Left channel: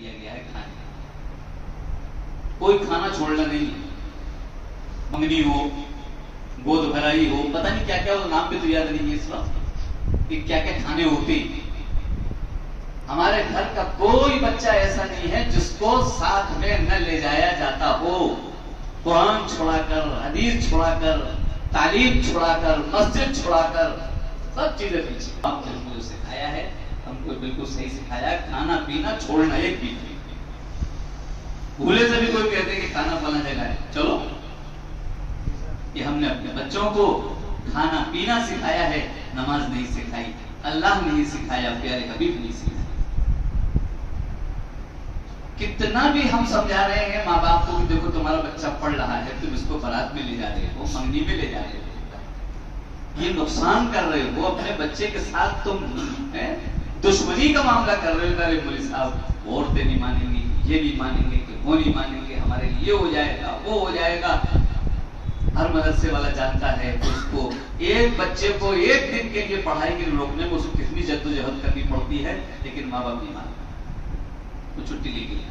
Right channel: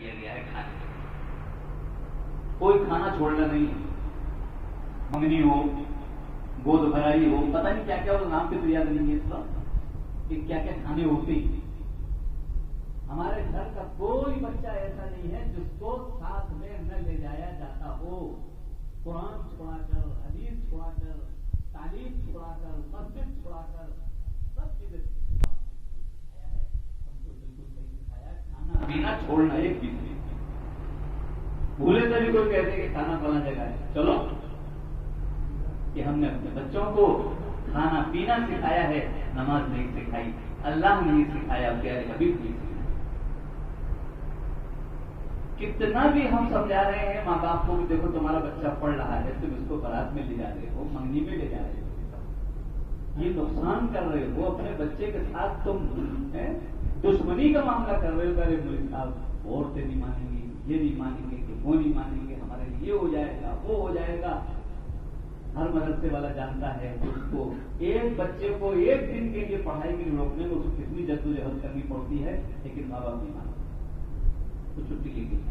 दिया गया है खाने। कोई खाना छोड़ना नहीं है, मंगनी हो, गोद भराई हो, पता नहीं क्या क्या, वो नाम भी तो याद नहीं है इस वक्त कि क्या क्या खाने होते। हमारे घर का कोई बच्चा ऐसा नहीं है जिसको साथ में न ले जाया जाता हो। कुरान छोड़ाकर, हदीस छोड़ाकर, तालीम छोड़ाकर, मस्जिद छोड़ाकर, सब चीजें पीछे। आपने हमको सिखाया है, हमको बिल्कुल सही सिखाया, खाना पीना छोड़ना एक भी नहीं। भूले से भी कोई कहते कि खाना फलाना जगह है, चलो, कि हमने अपने बच्चों को खाना पीना सिखाया है, नमाज नहीं सिखाई, अल्लाह नहीं सिखाया, प्यारे हबीब नहीं सिखाया। कितना भी हम समझा रहे हैं माँ बाप को, देखो तुम्हारा बच्चा पढ़ रहा है, तुम इसको बारात में ले जा रहे हो, मंगनी में ले जा रहे हो, ये नुकसान कर रहे हो अपने बच्चे के साथ, तुम दुश्मनी का मामला कर रहे हो। अरे मौलवी साहब, औरतें नहीं मानेंगी, ये नहीं मानेंगे, कि वो नहीं मानेंगे, हमारे लिए हो जाएगा, वो हो जाएगा। हर मदरसे वाला जानता है उसको एक बच्चे को एक दिन के लिए पढ़ाई के लिए रोकने में उसको कितनी जद्दोजहद करनी पड़ती है, लेकिन माँ बाप नहीं मानते, वो छुट्टी ले गया।